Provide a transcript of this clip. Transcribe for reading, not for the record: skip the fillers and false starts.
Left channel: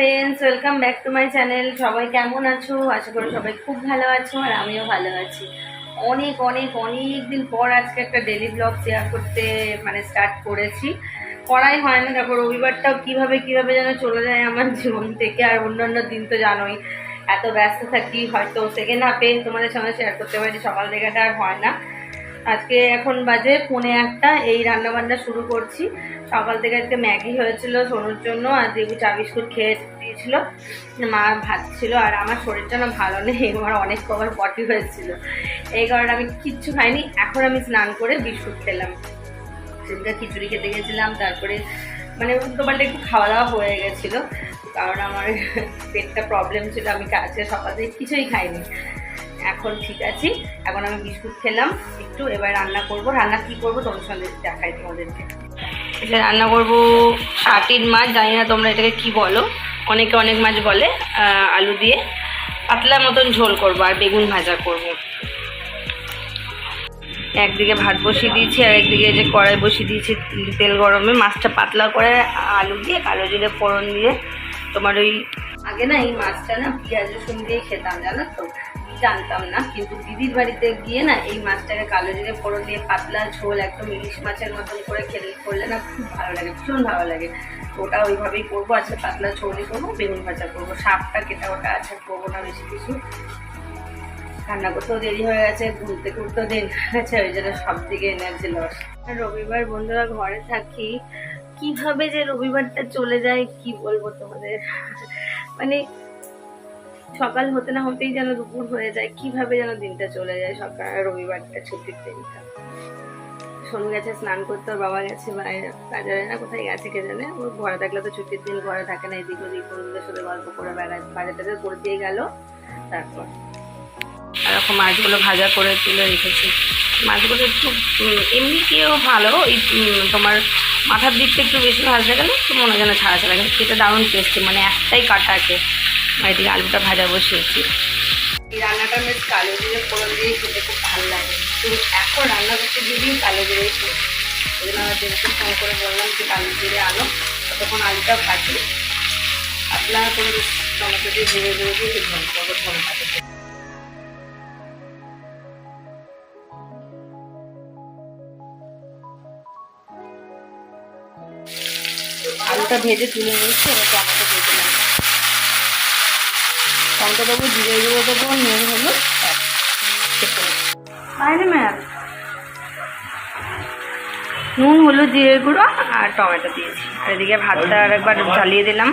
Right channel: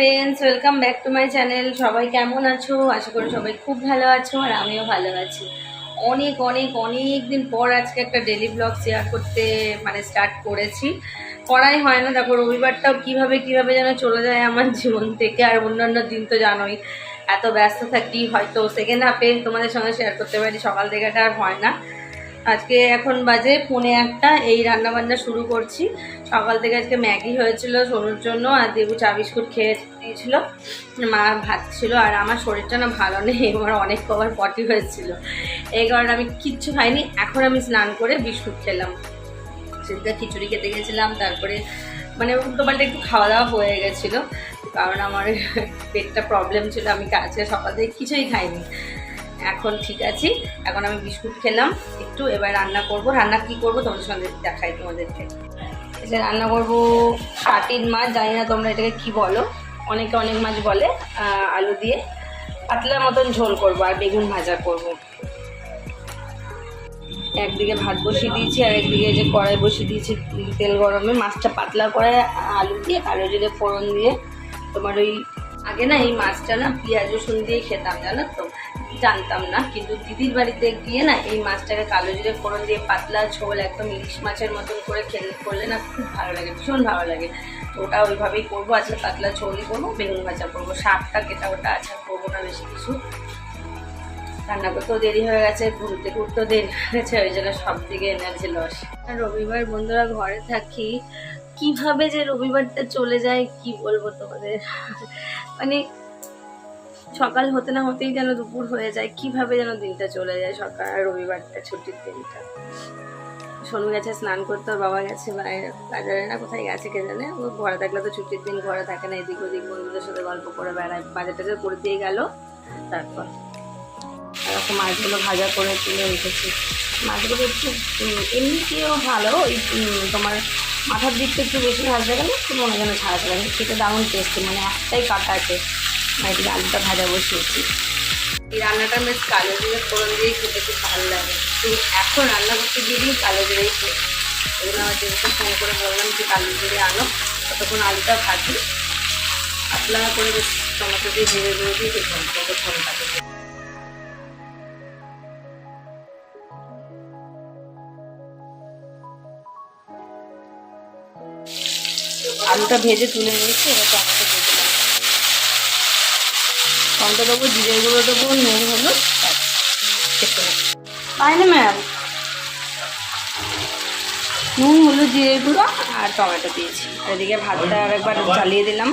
Friends, welcome back to my channel. সবাই কেমন আছো? আশা করি সবাই খুব ভালো আছো আর আমিও ভালো আছি। অনেক অনেক অনেক দিন পর আজকে একটা ডেলি ব্লগ শেয়ার করতে স্টার্ট করেছি। করাই হয় না, দেখো রবিবারটাও কিভাবে যেন চলে যায় আমার জীবন থেকে। আর অন্যান্য দিন তো জানোই এত ব্যস্ত থাকি, হয়তো সেকেন্ড হাফে তোমাদের সঙ্গে শেয়ার করতে পারি, সকাল থেকে আর হয় না। আজকে এখন বাজে 1:45, এই রান্নাবান্না শুরু করছি। সকাল থেকে আজকে ম্যাগি হয়েছিল সোনুর জন্য, আর দেবু চা বিস্কুট খেয়ে দিয়েছিল, মা ভাত ছিল। আর আমার শরীরটা না ভালো নেই, আমার অনেক কবার পটি হয়েছিল, এই কারণে আমি কিচ্ছু খাইনি। এখন আমি স্নান করে বিস্কুট খেলাম, সেদিনটা খিচুড়ি খেতে গেছিলাম, তারপরে উল্টোপাল্টা একটু খাওয়া দাওয়া হয়ে গেছিলো, কারণ আমার পেটটা প্রবলেম ছিল। আমি আজকে সকাল থেকে কিছুই খাইনি, এখন ঠিক আছি। এখন আমি বিস্কুট খেলাম একটু, এবার রান্না করব। রান্না কি করব তোমাদের সঙ্গে দেখাই তোমাদেরকে। এটা রান্না করব শাটিন মাছ, জানি না তোমরা এটাকে কি বলো, অনেকে অনেক মাছ বলে। আলু দিয়ে পাতলা মতন ঝোল করব আর বেগুন ভাজা করব। একদিকে ভাত বসিয়ে দিয়েছি আর একদিকে যে কড়াই বসিয়ে দিয়েছি তেল গরমে। মাছটা পাতলা করে আলু দিয়ে কালো জিরে ফোড়ন দিয়ে, তোমার ওই আগে না এই মাছটা না পেঁয়াজ রসুন দিয়ে খেতাম, জানো তো, জানতাম না। কিন্তু দিদির বাড়িতে গিয়ে না এই মাছটাকে কালো জিরে ফোড়ন দিয়ে পাতলা ঝোল একদম ইলিশ মাছের মতন করে করলে না খুব ভালো লাগে, ভীষণ ভালো লাগে। তো ওটা ওইভাবেই করবো। আজকে পাতলা ঝোলই করবো, বেগুন ভাজা করবো, শাকটা কেটা ওটা আছে, করবো না বেশি কিছু। রান্না করতেও দেরি হয়ে গেছে, ঘুরতে ঘুরতেও দেরি হয়ে গেছে, ওই জন্য সব দিকে এনার্জি লস। রবিবার বন্ধুরা ঘরে থাকি, কিভাবে যে রবিবারটা চলে যায় কি বলবো তোমাদের। সকাল হতে না হতেই যেন দুপুর হয়ে যায়, কিভাবে যেন দিনটা চলে যায়। সকাল রবিবারটা, ছুটির দিনটা। সোনু গেছে স্নান করতে, ওর বাবা গেছে বাজারে না কোথায় গেছে কে জানে। ও ঘরে থাকলে তো ছুটির দিন ঘরে থাকে না, এদিক ওদিক বন্ধুদের সাথে গল্প করে বেড়ায়, বাজার টাজার করে দিয়ে গেল। তারপর এরকম মাছগুলো ভাজা করে তুলে রেখেছি। মাছগুলো একটু এমনিতেও ভালো, ওই তোমার মাথার দিকটা একটু বেশি ভাজতে গেলে একটু মনে যেন ছাড়া ছাড়া, কিন্তু সেটা দারুণ টেস্টি, একটাই কাটা আছে। এদিকে আলুটা ভাজা বসিয়েছি। এই রান্নাটা বেশ কালো জিরে ফোড়ন দিয়ে খেতে খুব ভালো লাগে। তো এখন রান্না করতে গিয়েই কালো জিরেই খেয়ে, ওই জন্য আমার দিনকে ফোন করে বললাম যে কালো জিরে আনো, ততক্ষণ আলুটা ভাজি পাতলা করে, বেশ টমেটো দিয়ে জিরে গুঁড়ো দিয়ে ঝোল করবো ঝোলটাকে। আলুটা ভেজে তুলে নিয়েছি, এবার টমেটো ভেজে নেব। টমেটো দেবো, জিরে গুঁড়ো দেবো, নুন হলুদ, ম্যাম নুন হলুদ জিরে গুঁড়ো আর টমেটো দিয়েছি। আর এদিকে ভাতটা আর একবার জ্বালিয়ে দিলাম।